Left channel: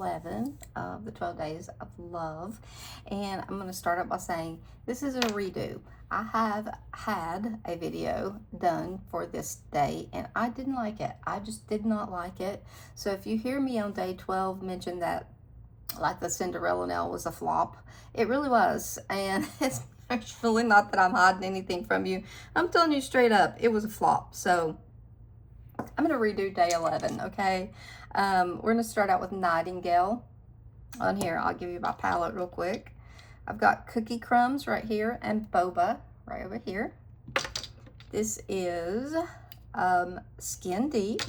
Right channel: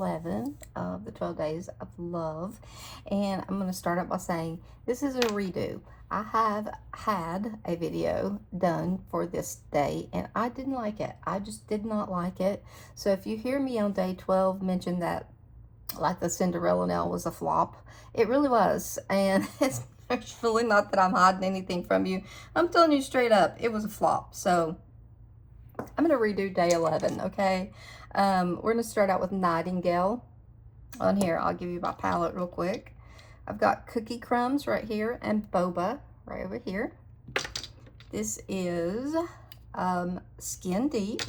11 of the 12 Days of Love. And I'm going to start out by saying this is a redo. I have had a video done for this day and I didn't like it. I just did not like it. So if you hear me on day 12 mention that like the Cinderella nail was a flop, it really was. And it's really not that I'm hiding anything from you. I'm telling you straight up, it was a flop. So I'm going to redo day 11, okay? We're going to start out with Nightingale. On here, I'll give you my palette real quick. I've got Cookie Crumbs right here and Boba right over here. This is Skin Deep.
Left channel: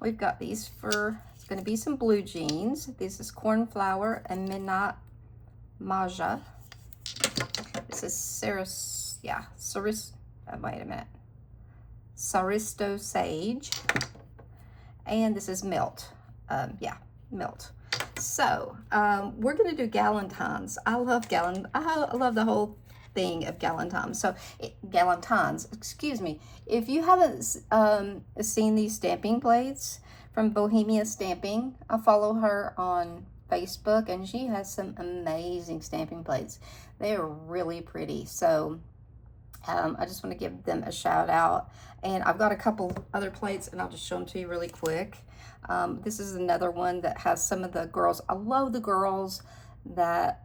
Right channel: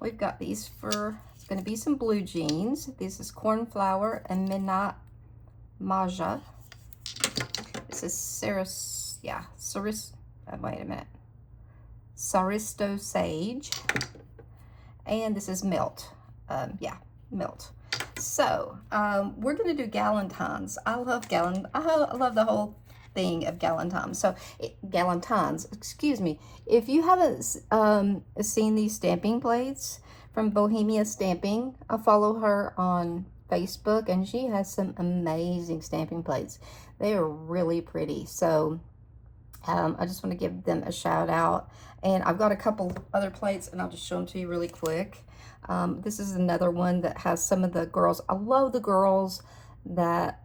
We've got these for, it's going to be some blue jeans. This is Cornflower and Midnight Maja. This is wait a minute. Saristo Sage. And this is Melt. Melt. So, we're going to do Galentine's. I love the whole thing of Galentine's. So, Galentine's, excuse me. If you haven't seen these stamping plates from Bohemia Stamping, I follow her on Facebook, and she has some amazing stamping plates. They are really pretty. So, I just want to give them a shout out. And I've got a couple other plates, and I'll just show them to you really quick. This is another one that has some of the girls. I love the girls that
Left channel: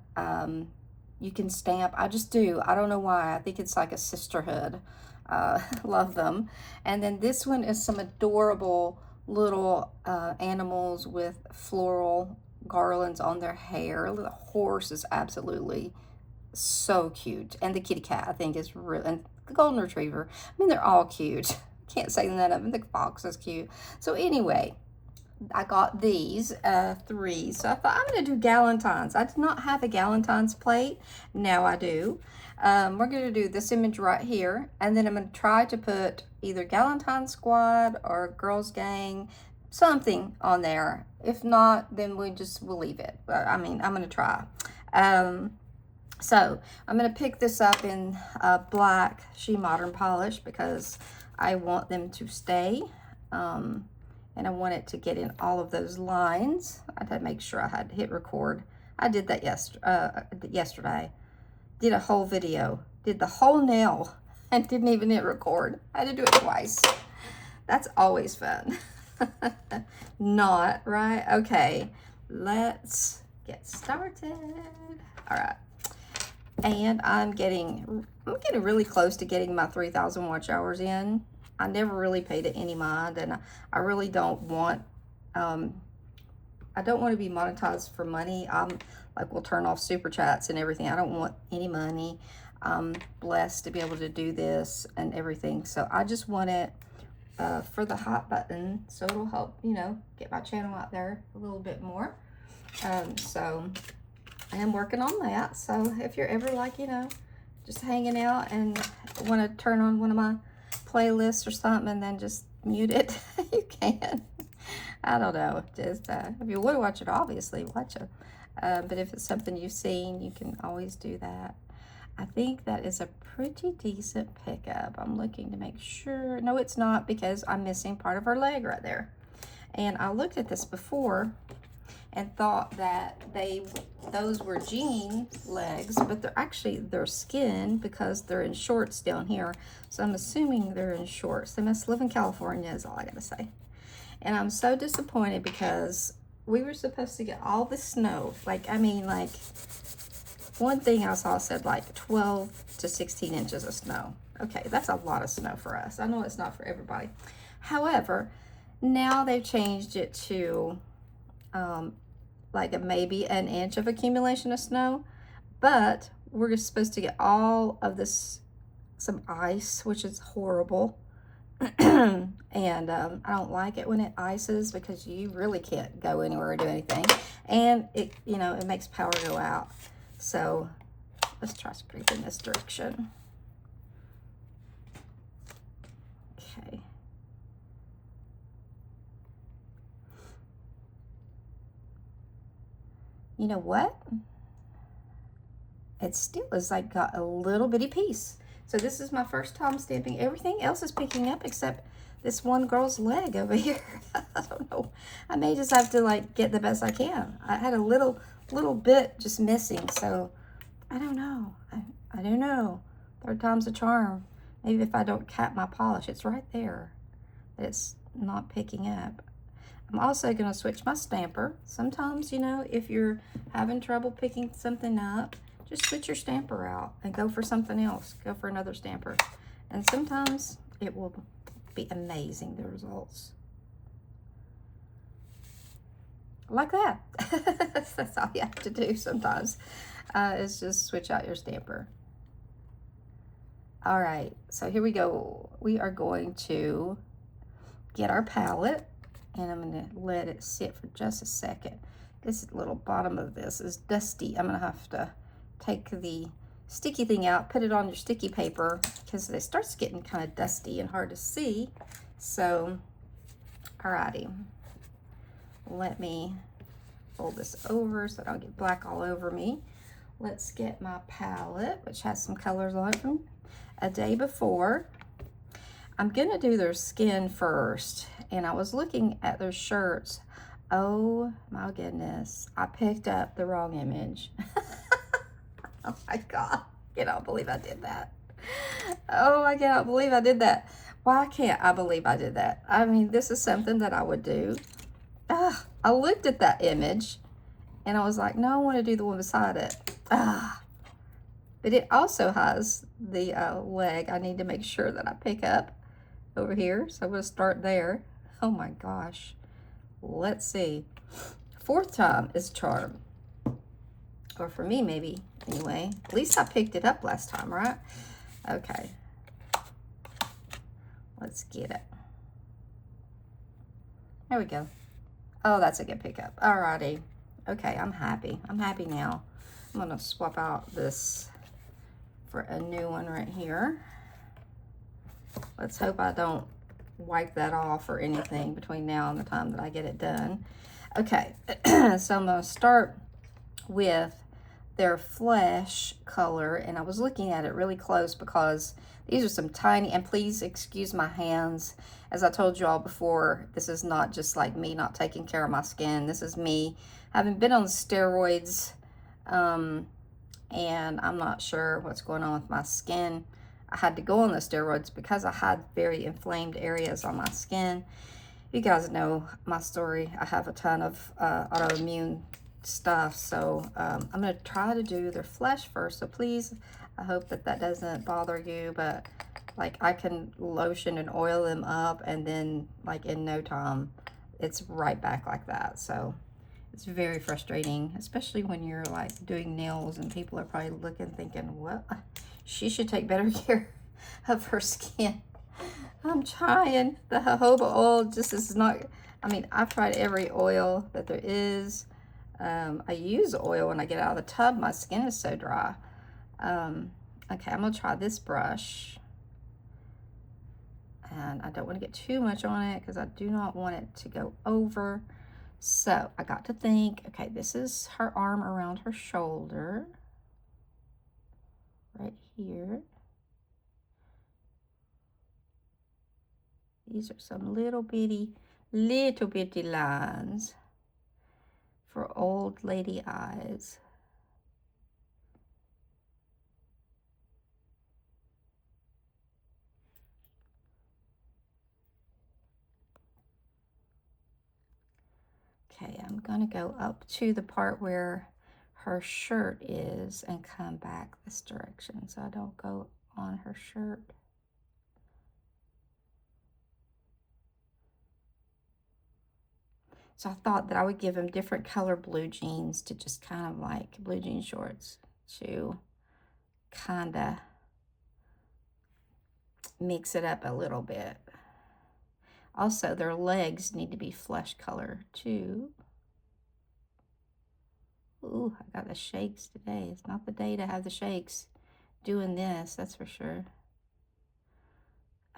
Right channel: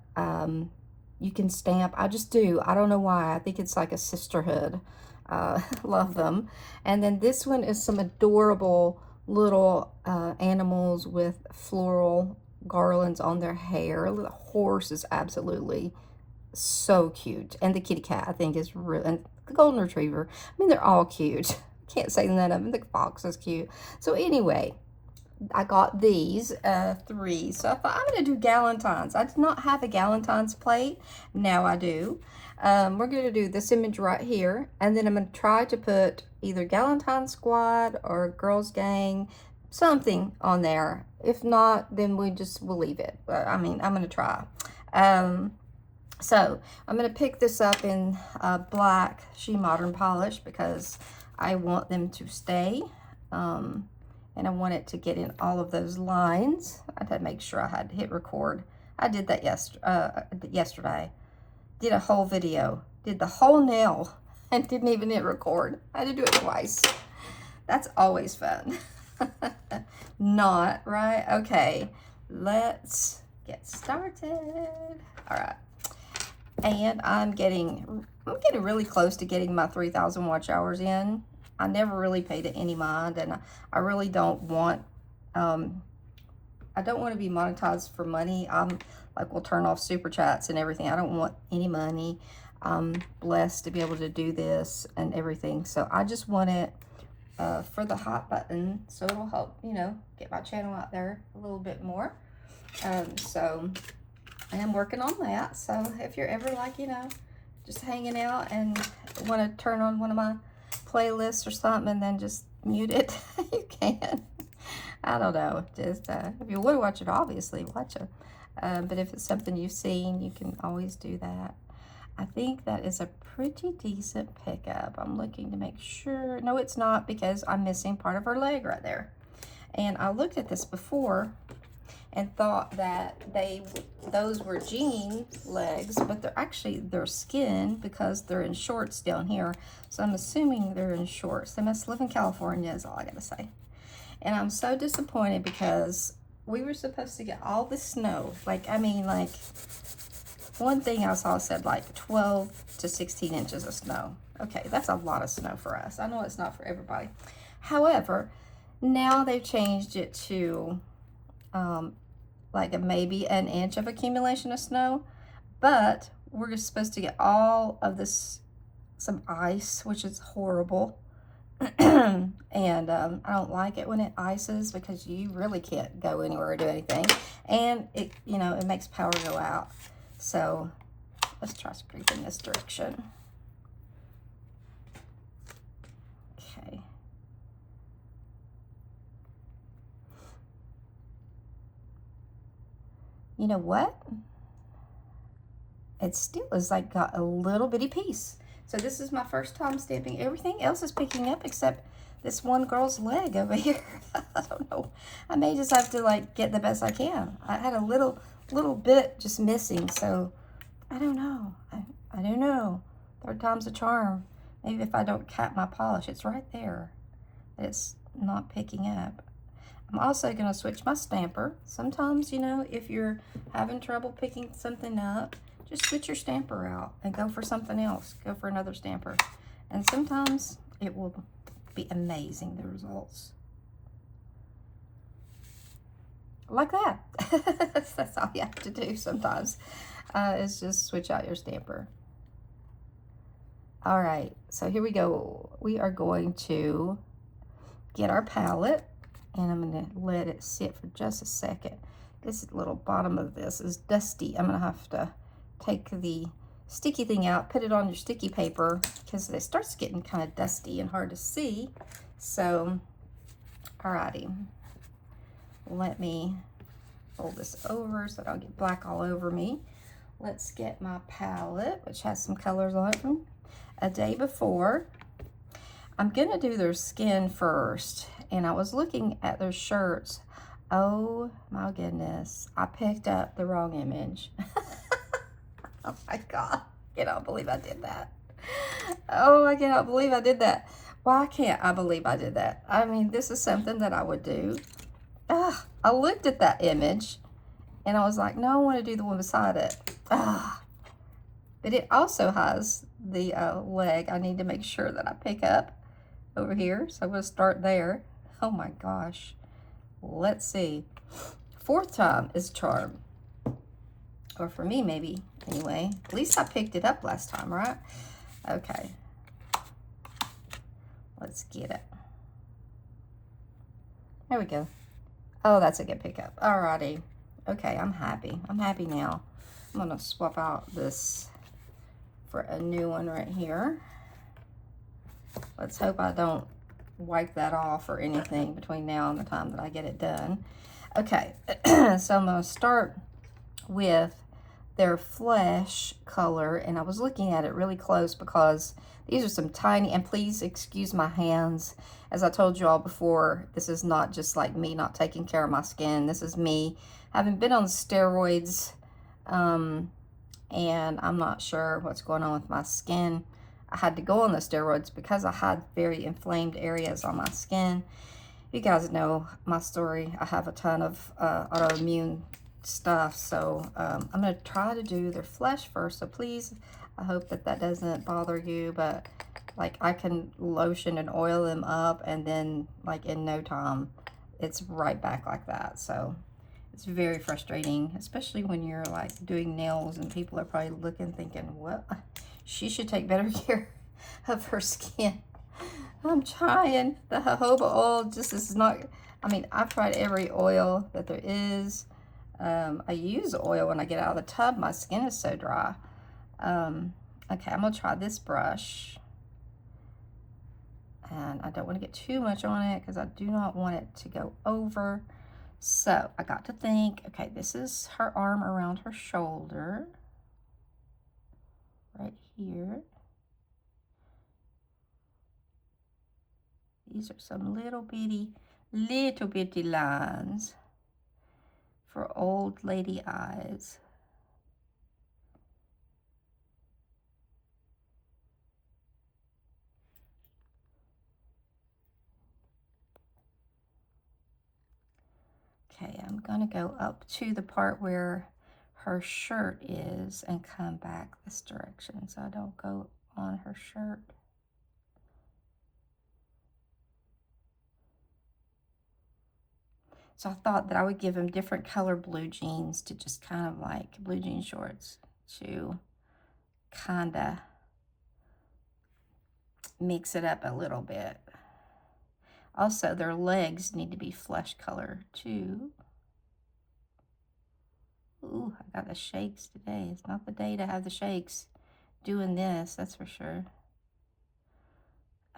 you can stamp. I just do. I don't know why. I think it's like a sisterhood. Love them. And then this one is some adorable little animals with floral garlands on their hair. The horse is absolutely so cute. And the kitty cat, I think, is really, and the golden retriever. I mean, they're all cute. Can't say that of them. The fox is cute. So anyway, I got these 3. So I thought I'm going to do Galentine's. I did not have a Galentine's plate. Now I do. We're going to do this image right here. And then I'm going to try to put either Galentine's Squad or Girls Gang, something on there. If not, then we'll leave it. I mean, I'm going to try. So I'm going to pick this up in black She Modern Polish because I want them to stay. And I want it to get in all of those lines. I had to make sure I had hit record. I did that yesterday. Did a whole video. Did the whole nail and didn't even hit record. I had to do it twice. That's always fun. Not, right? Okay, let's get started. All right. And I'm getting really close to getting my 3,000 watch hours in. I never really paid it any mind, and I really don't want, I don't want to be monetized for money. I'm like, we'll turn off super chats and everything. I don't want any money. I'm blessed to be able to do this and everything. So I just want it for the hot button, so it'll help, you know, get my channel out there a little bit more. So I am working on that. So if you're ever like, you know, just hanging out and want to turn on one of my playlists or something and then just mute it, you can. I don't know. Just if you want to watch it, obviously watch it. But if it's something you've seen, you can always do that. I think that is a pretty decent pickup. I'm looking to make sure. No, it's not, because I'm missing part of her leg right there. And I looked at this before and thought that those were jean legs, but they're skin because they're in shorts down here. So I'm assuming they're in shorts. They must live in California is all I gotta say. And I'm so disappointed because we were supposed to get all this snow. Like, I mean, like, one thing I saw said like 12 to 16 inches of snow. Okay, that's a lot of snow for us. I know it's not for everybody. However, now they've changed it to like maybe an inch of accumulation of snow, but we're just supposed to get all of this, some ice, which is horrible. And I don't like it when it ices because you really can't go anywhere or do anything, and it, you know, it makes power go out. So let's try to creep in this direction. Okay. You know what? It still is like got a little bitty piece. So this is my first time stamping. Everything else is picking up except this one girl's leg over here. I don't know. I may just have to like get the best I can. I had a little bit just missing, so I don't know. I don't know. Third time's a charm. Maybe if I don't cap my polish, it's right there. It's not picking up. I'm also going to switch my stamper. Sometimes, you know, if you're having trouble picking something up, just switch your stamper out and go for something else. Go for another stamper. And sometimes it will be amazing, the results. Like that. That's all you have to do sometimes, is just switch out your stamper. All right, so here we go. We are going to get our palette, and I'm gonna let it sit for just a second. This little bottom of this is dusty. I'm gonna have to take the sticky thing out, put it on your sticky paper, because it starts getting kind of dusty and hard to see. So, alrighty. Let me fold this over so that I'll get black all over me. Let's get my palette, which has some colors on it from a day before. I'm gonna do their skin first, and I was looking at their shirts. Oh my goodness, I picked up the wrong image. Oh my God, I cannot believe I did that. Oh, I cannot believe I did that. Why can't I believe I did that? I mean, this is something that I would do. I looked at that image and I was like, no, I want to do the one beside it. But it also has the leg I need to make sure that I pick up over here. So I'm going to start there. Oh my gosh. Let's see. Fourth time is charm. Or for me, maybe. Anyway, at least I picked it up last time, right? Okay. Let's get it. There we go. Oh, that's a good pickup. Alrighty. Okay, I'm happy. I'm happy now. I'm going to swap out this for a new one right here. Let's hope I don't wipe that off or anything between now and the time that I get it done. Okay, so I'm going to start with their flesh color, and I was looking at it really close because these are some tiny, and please excuse my hands. As I told you all before, this is not just like me not taking care of my skin. This is me having been on steroids, and I'm not sure what's going on with my skin. I had to go on the steroids because I had very inflamed areas on my skin. You guys know my story. I have a ton of autoimmune stuff, so I'm going to try to do their flesh first. So please, I hope that that doesn't bother you, but like I can lotion and oil them up, and then like in no time, it's right back like that. So it's very frustrating, especially when you're like doing nails and people are probably looking, thinking, well, she should take better care of her skin. I'm trying. The jojoba oil just is not, I mean, I've tried every oil that there is. I use oil when I get out of the tub. My skin is so dry. Okay, I'm gonna try this brush. And I don't want to get too much on it because I do not want it to go over. So I got to think, okay, this is her arm around her shoulder. Right here. These are some little bitty lines for old lady eyes. Okay, I'm gonna go up to the part where her shirt is and come back this direction so I don't go on her shirt. So I thought that I would give him different color blue jeans to just kind of like blue jean shorts to kind of mix it up a little bit. Also, their legs need to be flesh color too. Ooh, I got the shakes today. It's not the day to have the shakes doing this, that's for sure.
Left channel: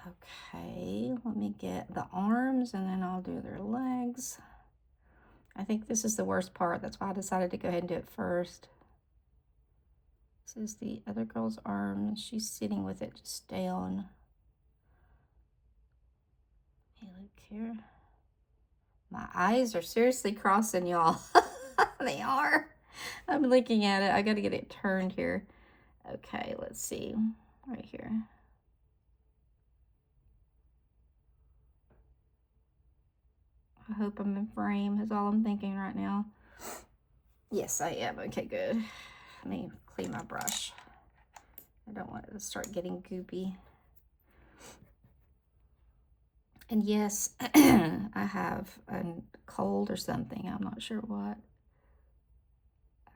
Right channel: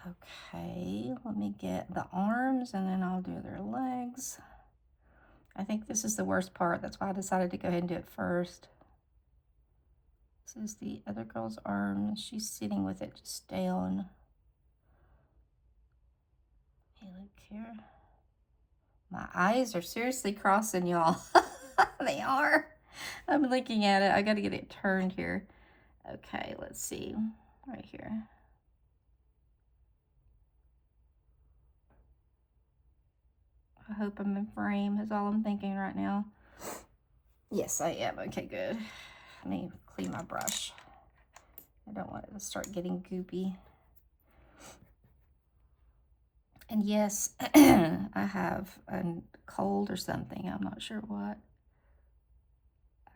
Okay, let me get the arms and then I'll do their legs. I think this is the worst part. That's why I decided to go ahead and do it first. This is the other girl's arm. She's sitting with it just down. Hey, look here. My eyes are seriously crossing, y'all. They are. I'm looking at it. I got to get it turned here. Okay, let's see. Right here. I hope I'm in frame is all I'm thinking right now. Yes, I am. Okay, good. Let me clean my brush. I don't want it to start getting goopy. And yes, I have a cold or something. I'm not sure what.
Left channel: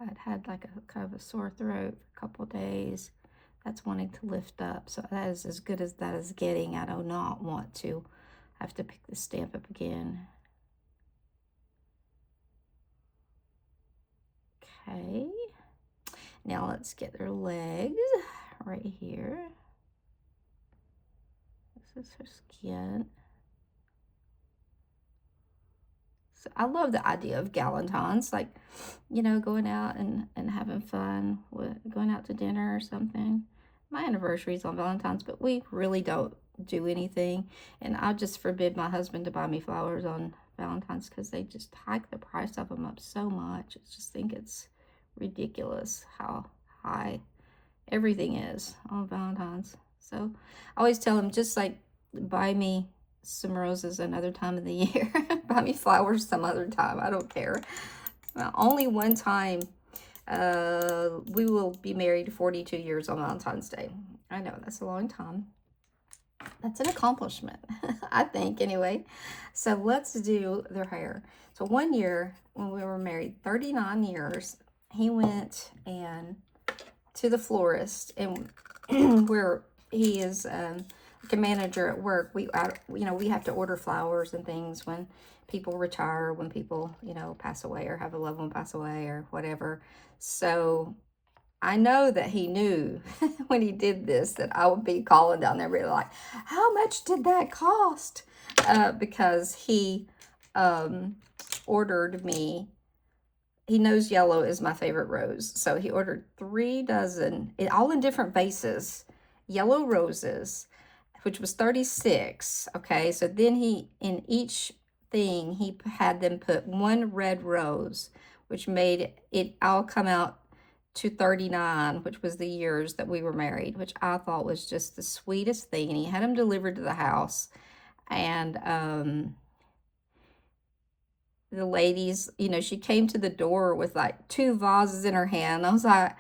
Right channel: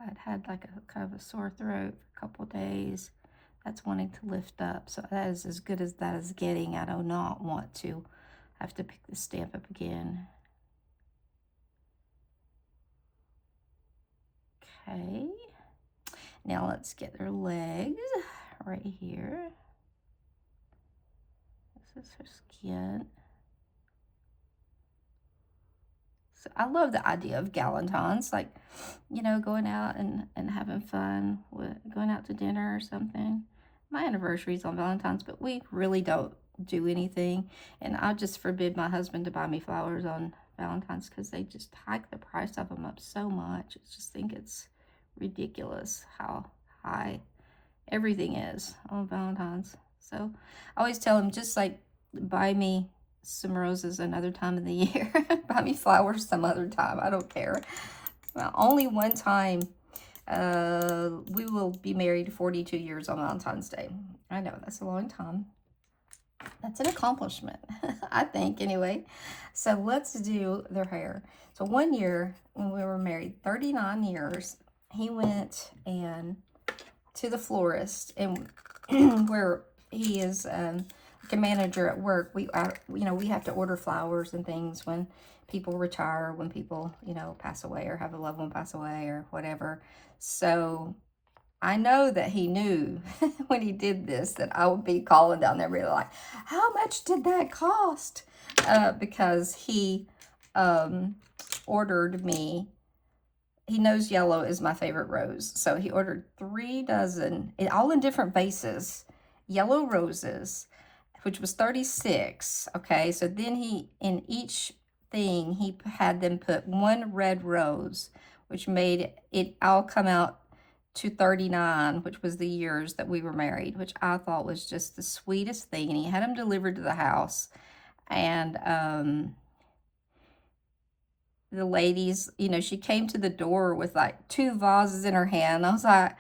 I'd had like a kind of a sore throat for a couple days. That's wanting to lift up. So that is as good as that is getting. I do not want to have to pick the stamp up again. Okay. Now let's get their legs right here. This is her skin. So I love the idea of Galentine's, like, you know, going out and having fun, with going out to dinner or something. My anniversary's on Valentine's, but we really don't do anything. And I just forbid my husband to buy me flowers on Valentine's because they just hike the price of them up so much. I just think it's ridiculous how high everything is on Valentine's. So I always tell him, just like, buy me some roses another time of the year. Buy me flowers some other time. I don't care. Well, only one time. We will be married 42 years on Valentine's Day. I know, that's a long time. That's an accomplishment, I think, anyway. So let's do their hair. So one year when we were married, 39 years, he went and to the florist, and where he is like a manager at work. We have to order flowers and things when people retire, when people, pass away or have a loved one pass away or whatever. So I know that he knew when he did this that I would be calling down there really like, how much did that cost? Because he ordered me. He knows yellow is my favorite rose. So he ordered 3 dozen, all in different vases, yellow roses, which was 36. Okay, so then in each thing, he had them put 1 red rose, which made it all come out to 39, which was the years that we were married, which I thought was just the sweetest thing. And he had them delivered to the house. And the ladies, she came to the door with like 2 vases in her hand. I was like,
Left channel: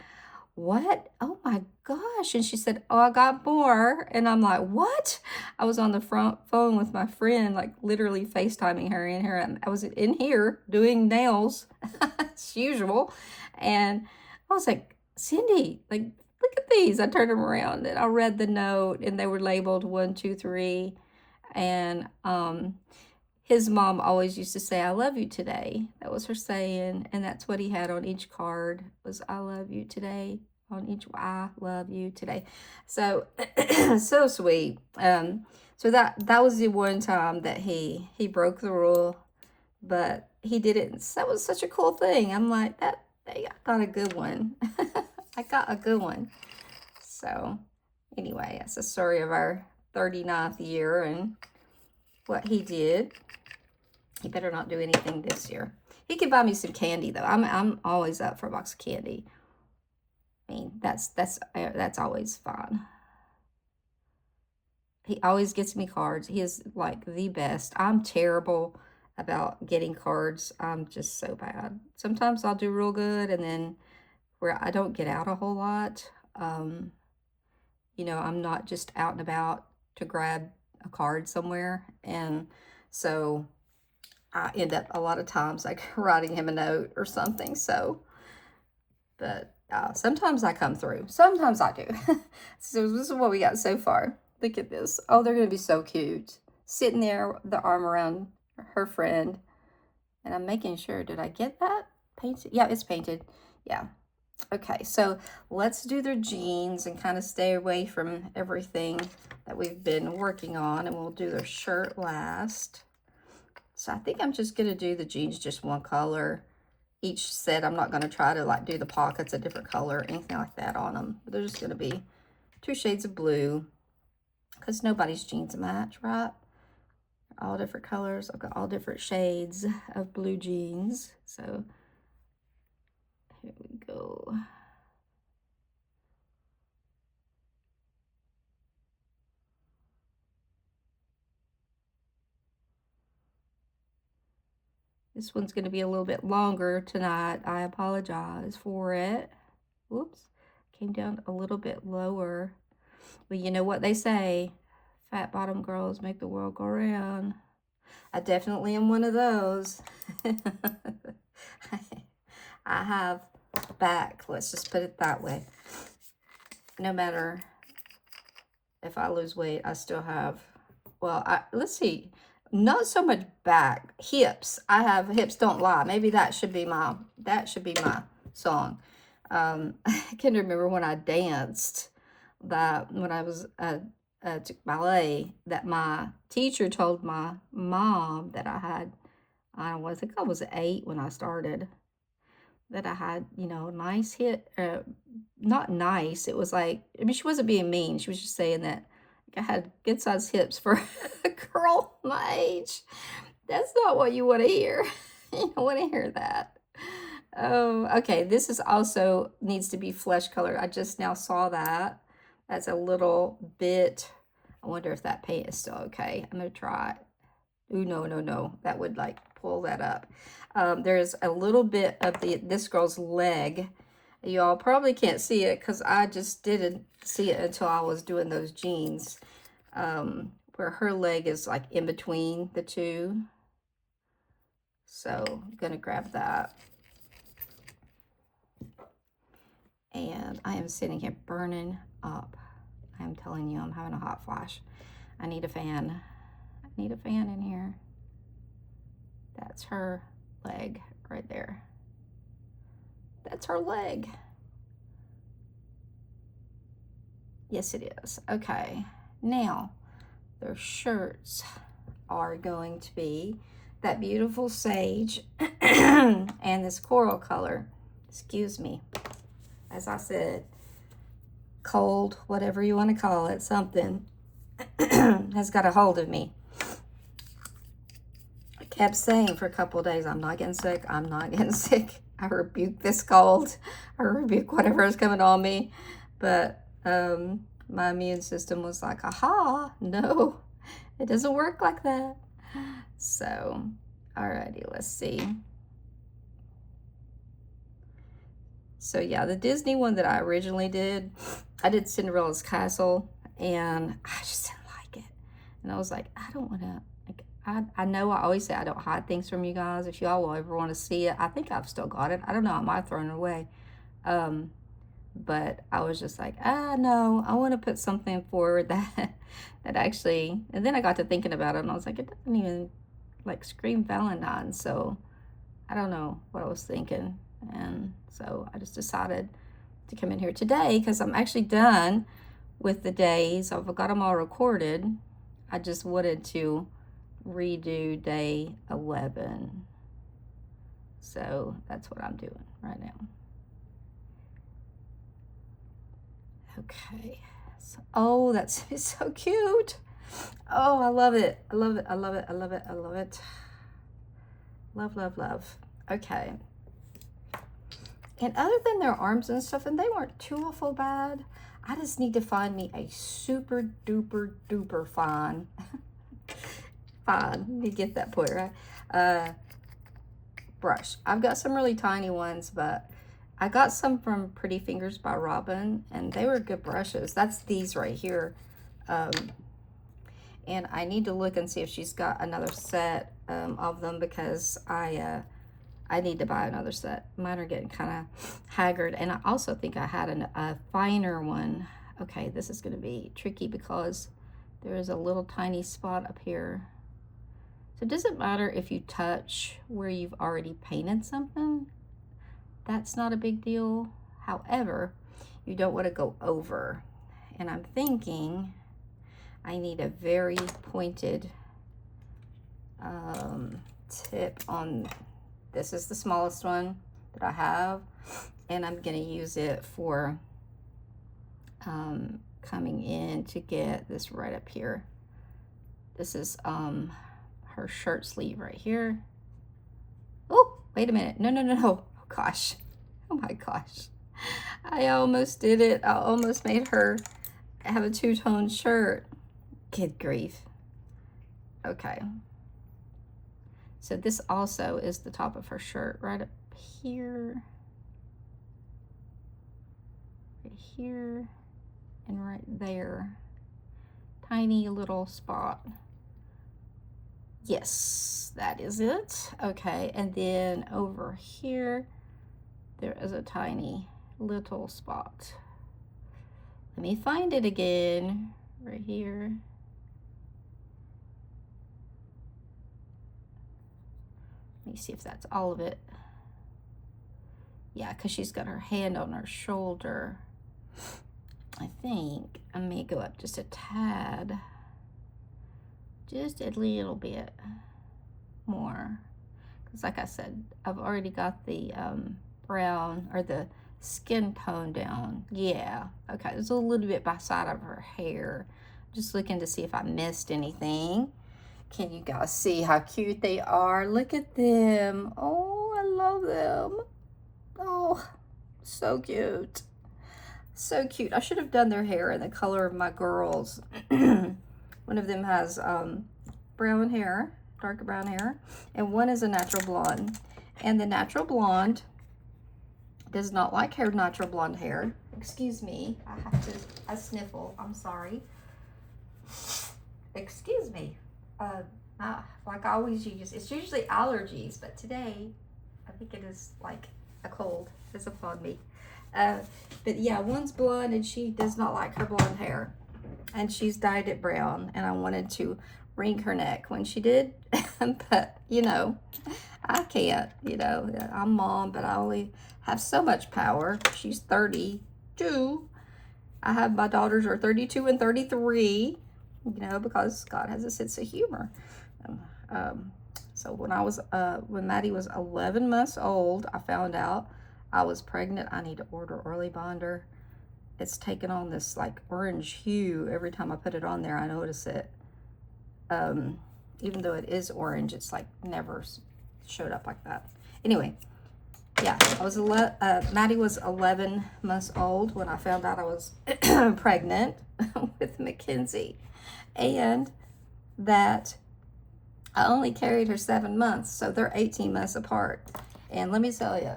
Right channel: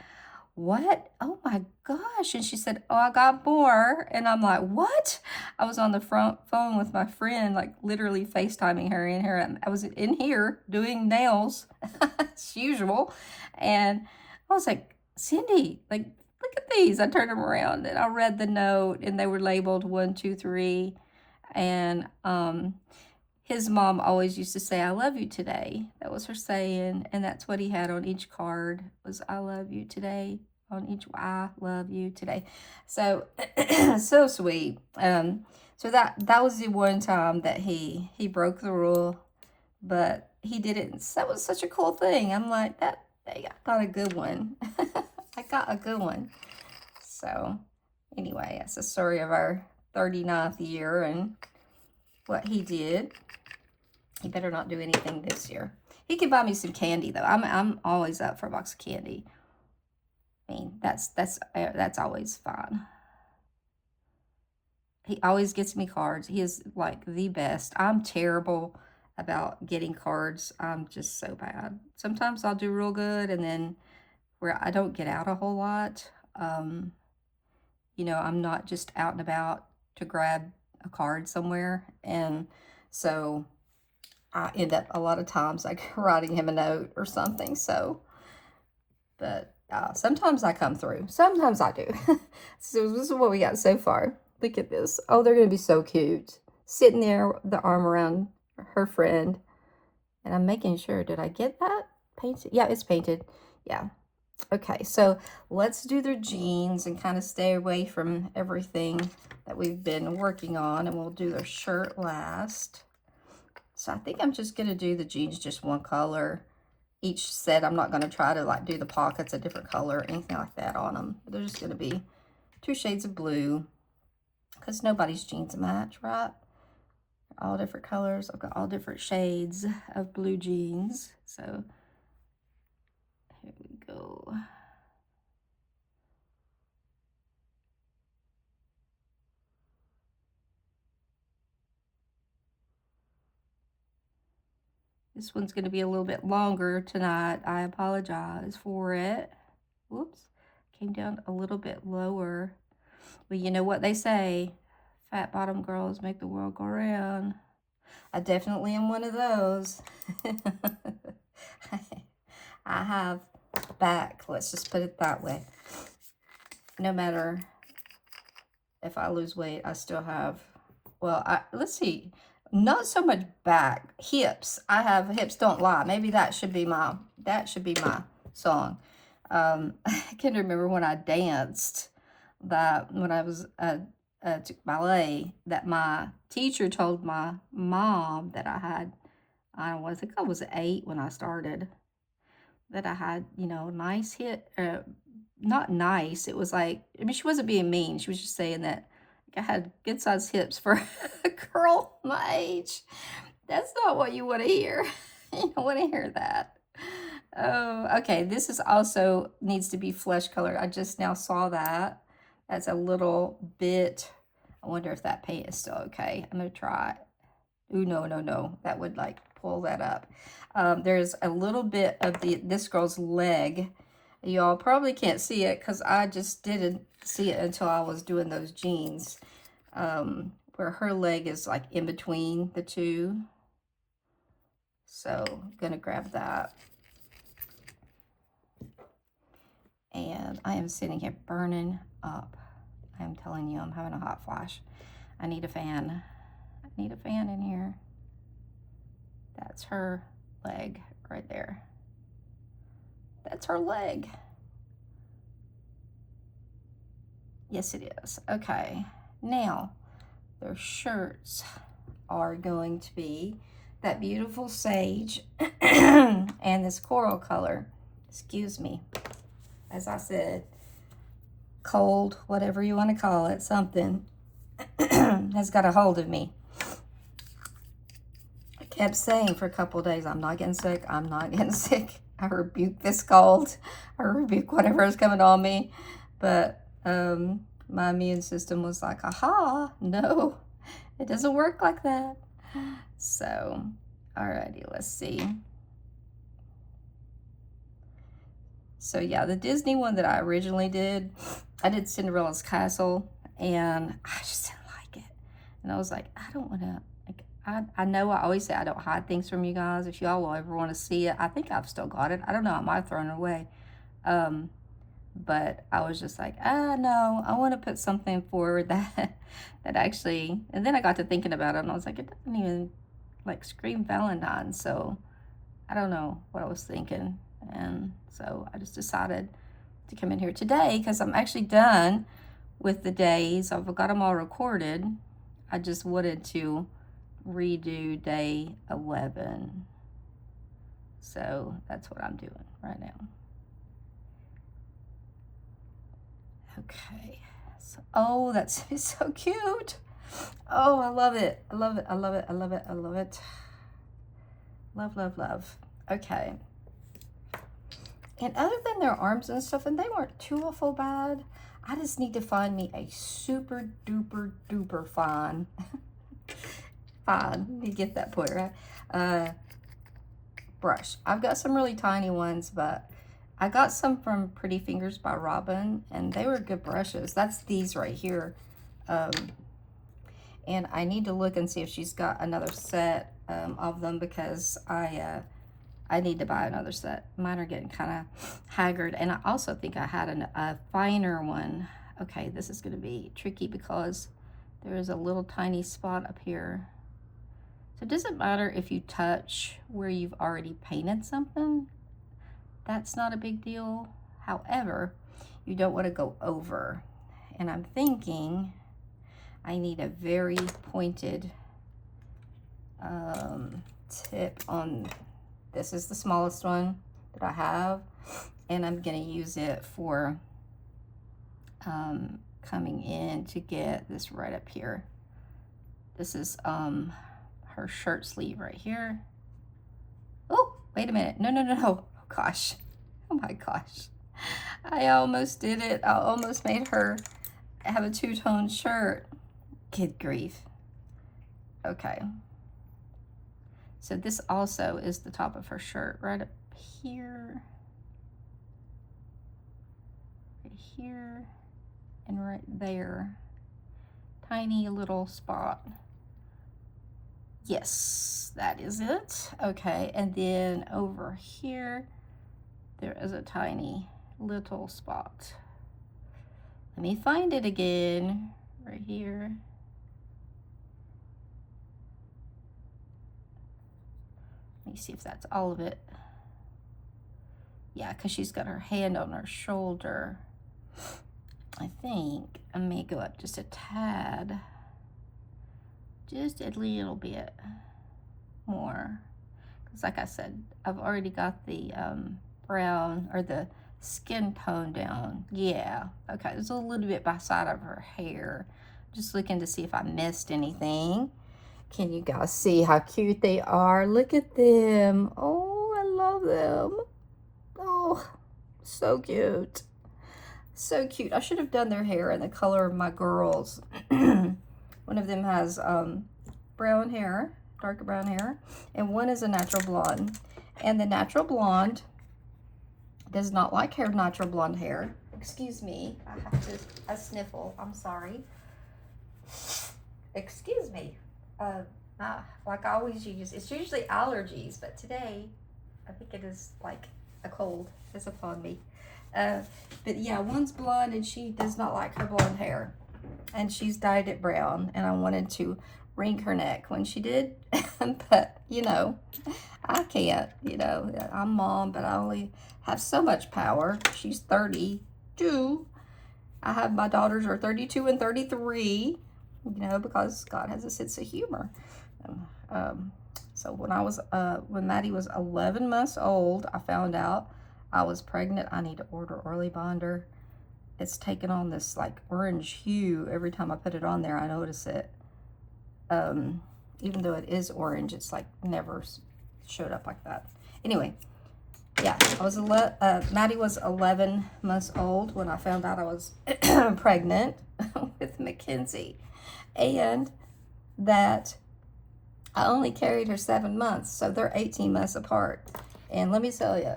what? Oh my gosh. And she said, oh, I got more. And I'm like, what? I was on the front phone with my friend, like literally FaceTiming her in here. I was in here doing nails as usual. And I was like, Cindy, like, look at these. I turned them around and I read the note, and they were labeled 1, 2, 3. And his mom always used to say, I love you today. That was her saying. And that's what he had on each card, was I love you today. On each, I love you today. So, so sweet. So that was the one time that he broke the rule, but he didn't. That was such a cool thing. I'm like, I got a good one. I got a good one. So anyway, that's the story of our 39th year and what he did. He better not do anything this year. He could buy me some candy though. I'm always up for a box of candy. I mean, that's always fun. He always gets me cards. He is like the best. I'm terrible about getting cards. I'm just so bad. Sometimes I'll do real good, and then where I don't get out a whole lot. I'm not just out and about to grab a card somewhere, and so I end up a lot of times like writing him a note or something. So, but sometimes I come through. Sometimes I do. So this is what we got so far. Look at this. Oh, they're going to be so cute. Sitting there, the arm around her friend. And I'm making sure, did I get that painted? Yeah, it's painted. Yeah. Okay, so let's do their jeans and kind of stay away from everything that we've been working on. And we'll do their shirt last. So I think I'm just going to do the jeans just one color. Each set, I'm not going to try to like do the pockets a different color or anything like that on them. They're just going to be 2 shades of blue because nobody's jeans match, right? all different colors. I've got all different shades of blue jeans. So here we go. This one's going to be a little bit longer tonight. I apologize for it. Whoops. Came down a little bit lower. Well, you know what they say. Fat bottom girls make the world go round. I definitely am one of those. I have back, let's just put it that way. No matter if I lose weight, I still have, well, let's see, not so much back, hips. I have hips don't lie. Maybe that should be my song. I can remember when I danced, that when I was took ballet, that my teacher told my mom that I had, I think I was 8 when I started, that I had, you know, nice hit, not nice. It was like, I mean, she wasn't being mean. She was just saying that I had good sized hips for a girl my age. That's not what you want to hear. You don't want to hear that. Oh, okay. This is also needs to be flesh color. I just now saw that. That's a little bit. I wonder if that paint is still okay. I'm gonna try it. Ooh, no, no, no. That would like pull that up. There's a little bit of this girl's leg. Y'all probably can't see it because I just didn't see it until I was doing those jeans. Where her leg is like in between the two. So I'm gonna grab that. And I am sitting here burning up. I'm telling you, I'm having a hot flash. I need a fan. I need a fan in here. That's her leg right there. That's her leg. Yes, it is. Okay. Now, their shirts are going to be that beautiful sage and this coral color. Excuse me. As I said, cold, whatever you want to call it, something has got a hold of me. I kept saying for a couple of days, I'm not getting sick. I'm not getting sick. I rebuke this cold. I rebuke whatever is coming on me. But my immune system was like, aha, no, it doesn't work like that. So, alrighty, let's see. So yeah, the Disney one that I originally did, I did Cinderella's Castle, and I just didn't like it. And I was like, I don't want to, like, I know I always say I don't hide things from you guys. If y'all will ever want to see it, I think I've still got it. I don't know, I might have thrown it away. But I was just like, no, I want to put something forward that actually, and then I got to thinking about it, and I was like, it doesn't even like scream Valentine. So I don't know what I was thinking. And so I just decided to come in here today because I'm actually done with the days. I've got them all recorded. I just wanted to redo day 11. So that's what I'm doing right now. Okay. So, oh, that's so cute. Oh, I love it. I love it. I love it. I love it. I love it. Love, love, love. Okay. And other than their arms and stuff, and they weren't too awful bad, I just need to find me a super duper duper fine. Fine. Let me get that point right. Brush. I've got some really tiny ones, but I got some from Pretty Fingers by Robin, and they were good brushes. That's these right here. And I need to look and see if she's got another set of them, because I need to buy another set. Mine are getting kind of haggard, and I also think I had a finer one. Okay, this is going to be tricky because there is a little tiny spot up here. So it doesn't matter if you touch where you've already painted something. That's not a big deal. However, you don't want to go over. And I'm thinking I need a very pointed tip on, this is the smallest one that I have, and I'm going to use it for coming in to get this right up here. This is her shirt sleeve right here. Oh, wait a minute. No, no, no, no. Oh, gosh. Oh, my gosh. I almost did it. I almost made her have a two-tone shirt. Good grief. Okay. So this also is the top of her shirt right up here. Right here. And right there. Tiny little spot. Yes, that is it. Okay, and then over here, there is a tiny little spot. Let me find it again, right here. Let me see if that's all of it. Yeah, because she's got her hand on her shoulder. I think I may go up just a tad. Just a little bit more. Because like I said, I've already got the brown or the skin tone down. Yeah, okay, there's a little bit by side of her hair. Just looking to see if I missed anything. Can you guys see how cute they are? Look at them. Oh, I love them. Oh, so cute. So cute. I should have done their hair in the color of my girls. One of them has brown hair, dark brown hair, and one is a natural blonde. And the natural blonde does not like her natural blonde hair. Excuse me, I have to, I sniffle, I'm sorry. Excuse me. Like I always use, it's usually allergies, but today I think it is like a cold is upon me. But yeah, one's blonde and she does not like her blonde hair. And she's dyed it brown, and I wanted to wring her neck when she did. But, you know, I can't, you know. I'm mom, but I only have so much power. She's 32. I have my daughters are 32 and 33, you know, because God has a sense of humor. So when Maddie was 11 months old, I found out I was pregnant. I need to order Early Bonder. It's taken on this like orange hue every time I put it on there. I notice it. Even though it is orange, it's like never showed up like that. Anyway, yeah, Maddie was 11 months old when I found out I was pregnant with Mackenzie, and that I only carried her 7 months, so they're 18 months apart. And let me tell you,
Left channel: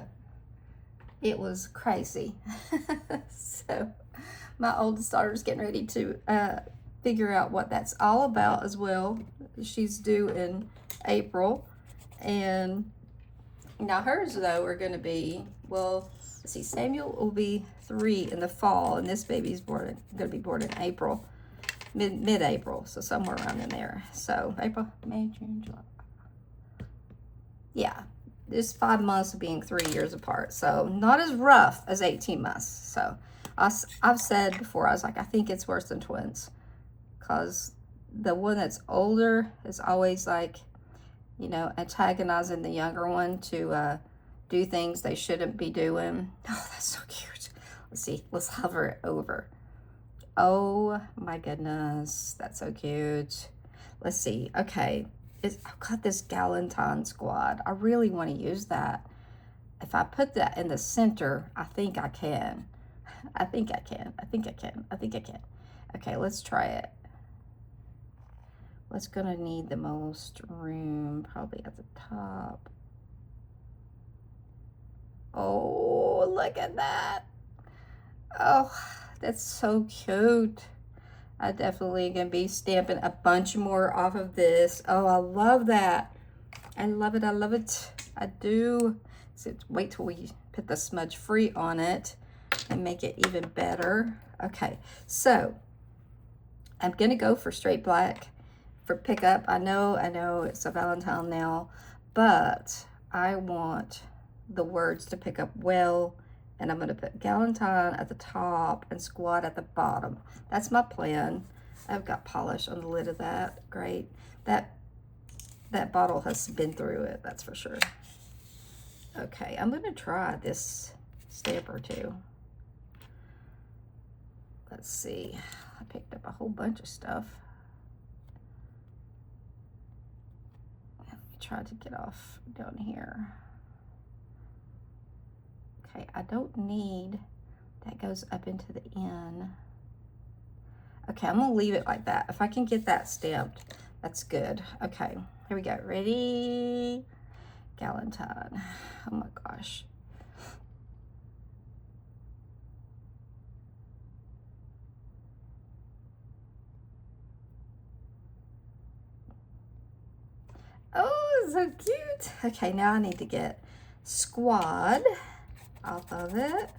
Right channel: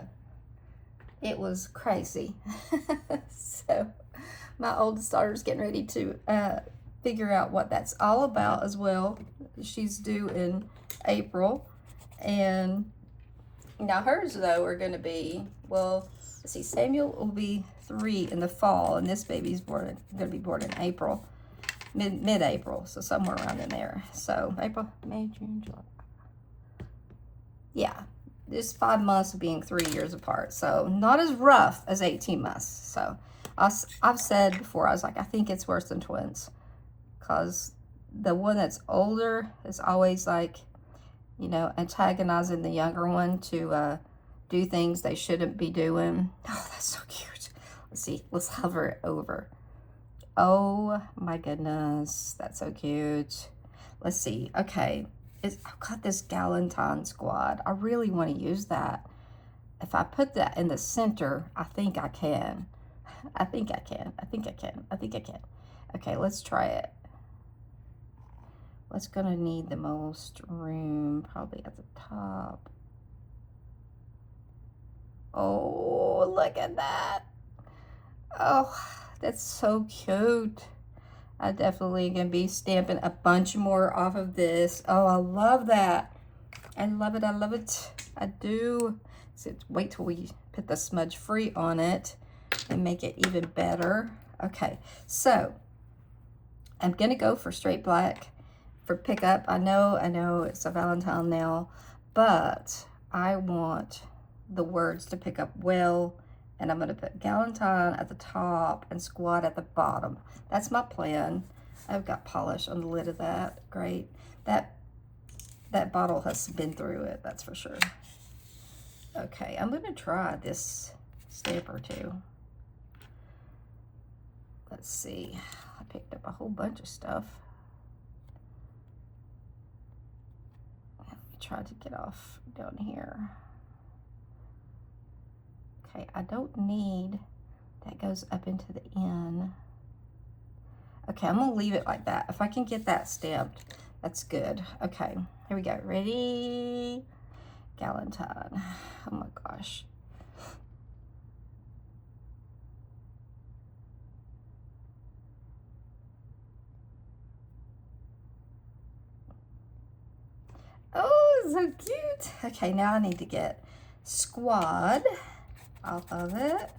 it was crazy. So my oldest daughter's getting ready to figure out what that's all about as well. She's due in April. And now hers, though, are going to be, well, let's see, Samuel will be 3 in the fall, and this baby's going to be born in April, mid-April, so somewhere around in there. So April, May, June, July. Yeah. This 5 months of being 3 years apart. So not as rough as 18 months. So I've said before, I was like, I think it's worse than twins. Because the one that's older is always like, you know, antagonizing the younger one to do things they shouldn't be doing. Oh, that's so cute. Let's see. Let's hover it over. Oh my goodness. That's so cute. Let's see. Okay. I've got this Galentine squad. I really want to use that. If I put that in the center, I think I can. I think I can. I think I can. I think I can. Okay, let's try it. What's going to need the most room? Probably at the top. Oh, look at that. Oh, that's so cute. I definitely gonna be stamping a bunch more off of this. Oh, I love that. I love it. I love it. I do. So wait till we put the smudge free on it and make it even better. Okay, so I'm gonna go for straight black for pickup. I know it's a Valentine now, but I want the words to pick up well. And I'm going to put Galentine at the top and Squad at the bottom. That's my plan. I've got polish on the lid of that. Great. That bottle has been through it, that's for sure. Okay, I'm going to try this stamp or two. Let's see. I picked up a whole bunch of stuff. try to get off down here. Okay, I don't need, that goes up into the end. Okay, I'm gonna leave it like that. If I can get that stamped, that's good. Okay, here we go. Ready? Galentine. Oh my gosh. Oh, so cute. Okay, now I need to get Squad off of it.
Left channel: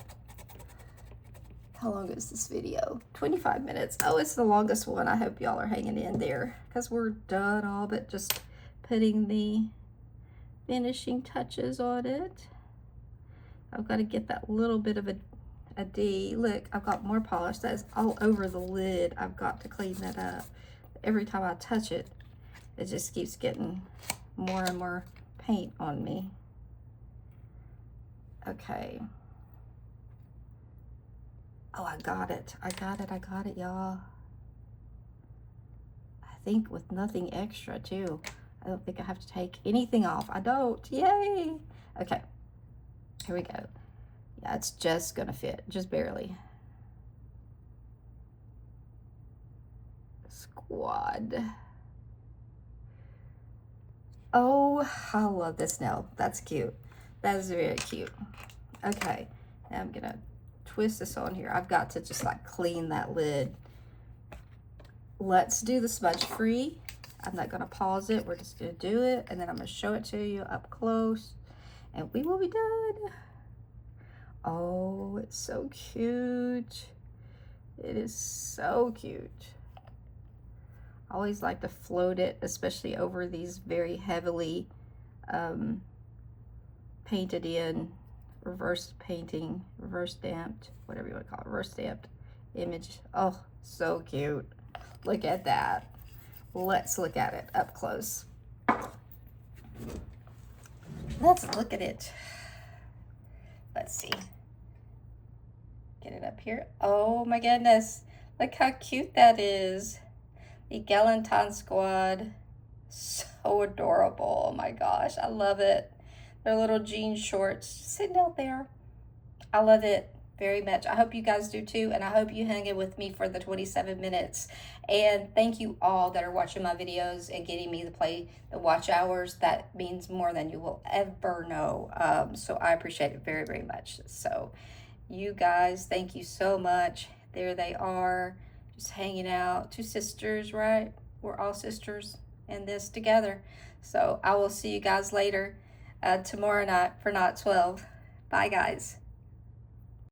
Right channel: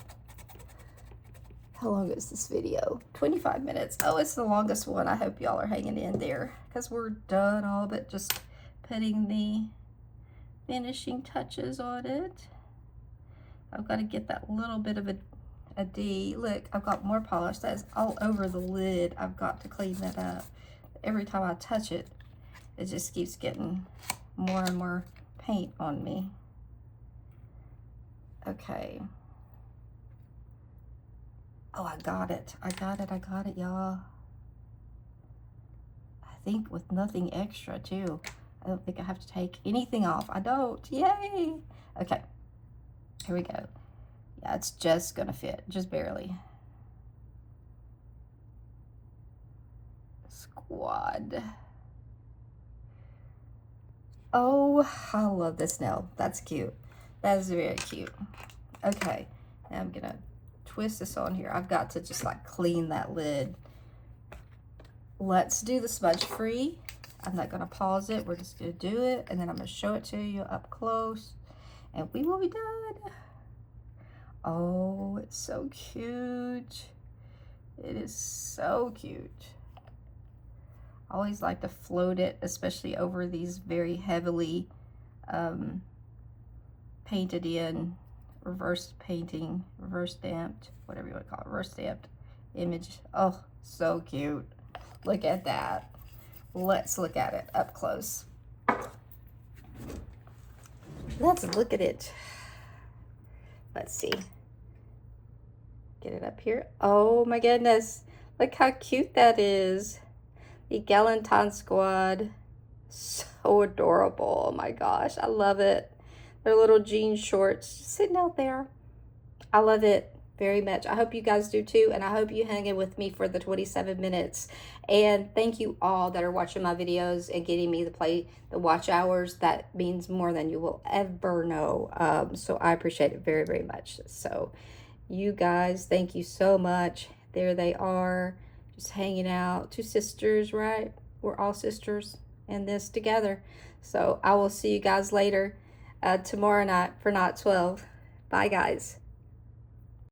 How long is this video? 25 minutes. Oh, it's the longest one. I hope y'all are hanging in there because we're done all but just putting the finishing touches on it. I've got to get that little bit of a D. Look, I've got more polish that's all over the lid. I've got to clean that up. Every time I touch it, it just keeps getting more and more paint on me. Okay. Oh, I got it. I got it, y'all. I think with nothing extra, too. I don't think I have to take anything off. I don't. Yay! Okay. Here we go. Yeah, it's just gonna fit. Just barely. Squad. Oh, I love this nail. That's cute. That is very cute. Okay. Now I'm gonna twist this on here. I've got to just like clean that lid. Let's do the smudge free. I'm not gonna pause it. We're just gonna do it and then I'm gonna show it to you up close and we will be done. Oh, it's so cute. It is so cute. I always like to float it, especially over these very heavily painted in, reverse painting, reverse stamped, whatever you want to call it, reverse stamped image. Oh, so cute. Look at that. Let's look at it up close. Let's look at it. Let's see. Get it up here. Oh my goodness. Look how cute that is. The Galentine Squad. So adorable. Oh my gosh. I love it. Their little jean shorts sitting out there. I love it very much. I hope you guys do too, and I hope you hang in with me for the 27 minutes. And thank you all that are watching my videos and getting me to play the watch hours. That means more than you will ever know. So I appreciate it very, very much. So you guys, thank you so much. There they are, just hanging out. Two sisters, right? We're all sisters in this together. So I will see you guys later tomorrow night for Knot 12. Bye, guys.